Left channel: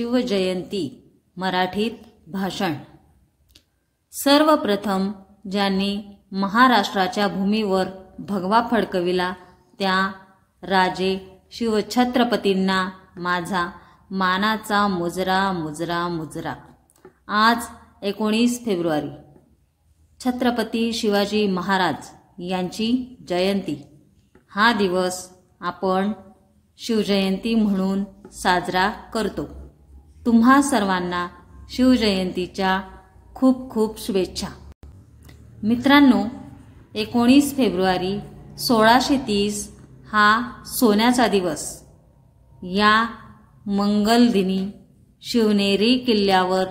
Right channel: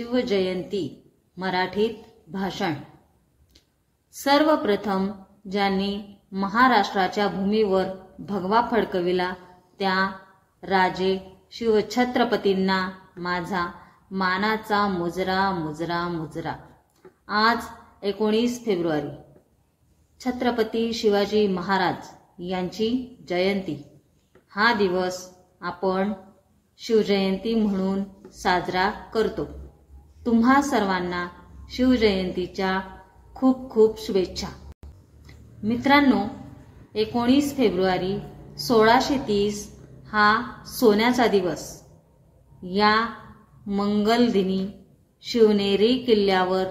शिवजयंती मराठीत भाषण। सर्वप्रथम ज्यांनी महाराष्ट्राच्या भूमीवर भगवा फडकविला त्या राजे शिवछत्रपतींना माझा मानाचा मुजरा मुजरा मुजरा। आज 19 फेब्रुवारी छत्रपती शिवाजी महाराज यांची जयंती। हा दिवस आपण शिवजयंती म्हणून साजरा करतो। तुम्हा सर्वांना शिवजयंतीच्या खूप खूप शुभेच्छा। मित्रांनो, 19 फेब्रुवारी 1630 हा सोन्याचा दिवस। या मंगल दिनी शिवनेरी किल्ल्यावर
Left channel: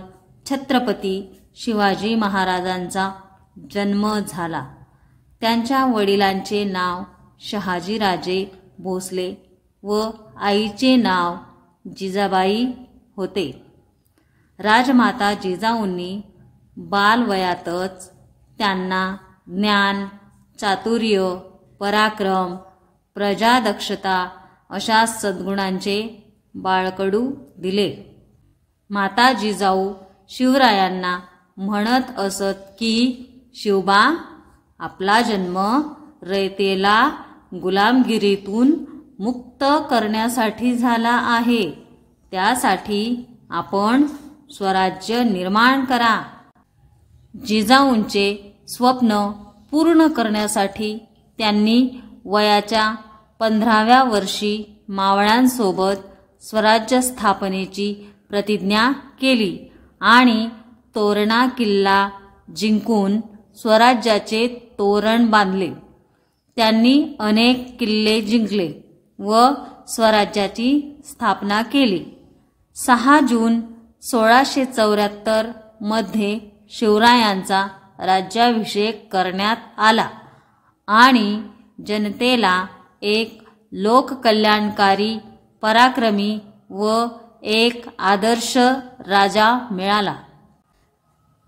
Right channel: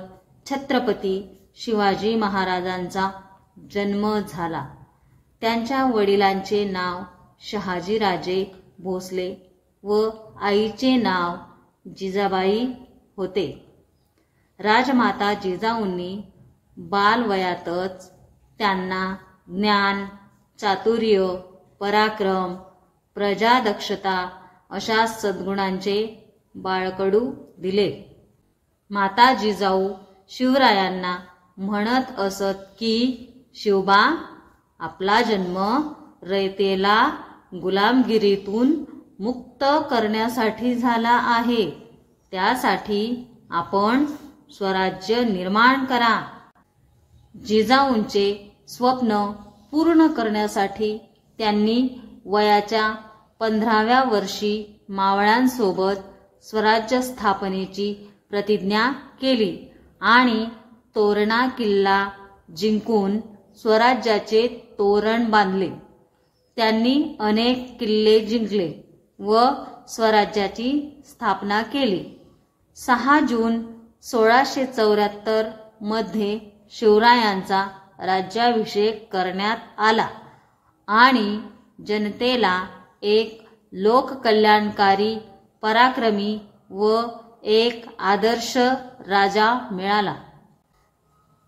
छत्रपती शिवाजी महाराजांचा जन्म झाला। त्यांच्या वडिलांचे नाव शहाजीराजे भोसले व आईचे नाव जिजाबाई होते। राजमाता जिजाऊंनी बालवयातच त्यांना ज्ञान, चातुर्य, पराक्रम, प्रजादक्षता अशा सद्गुणांचे बाळकडू दिले। माता जिजाऊ शिवरायांना म्हणत असत की शिवबा, आपला जन्म रयतेला गुलामगिरीतून मुक्त करण्यासाठी झाला आहे, त्यासाठी आपण स्वराज्य निर्माण करा। जिजाऊंचे स्वप्न पूर्ण करण्यासाठी त्यांनी वयाच्या 15व्या वर्षी मावळ्यांसोबत स्वराज्य स्थापनेची प्रतिज्ञा केली आणि तोरणा किल्ला जिंकून स्वराज्याचे तोरण बांधले। त्यांनी अनेक किल्ले जिंकले व स्वराज्याची स्थापना केली। 6 जून 1674 मध्ये शिवरायांचा राज्याभिषेक करण्यात आला आणि जनतेला एक लोककल्याणकारी, पराक्रमी व एक आदर्श राजा मिळाला।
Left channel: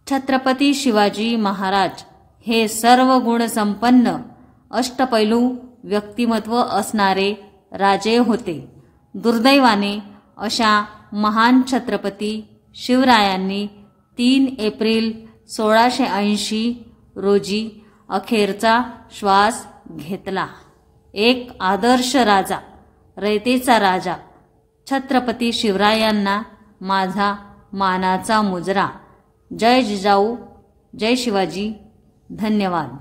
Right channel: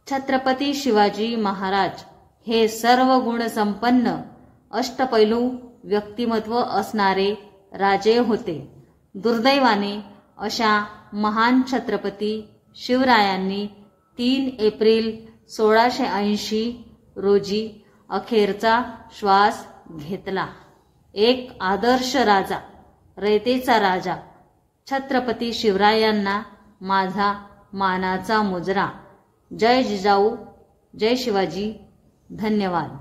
छत्रपती शिवाजी महाराज हे सर्व गुण संपन्न अष्टपैलू व्यक्तिमत्व असणारे राजे होते। दुर्दैवाने अशा महान छत्रपती शिवरायांनी 3 एप्रिल 1680 रोजी अखेरचा श्वास घेतला। एक आदर्श राजा, रयतेचा राजा छत्रपती शिवरायांना माझा मानाचा मुजरा। जय जिजाऊ, जय शिवाजी। धन्यवाद।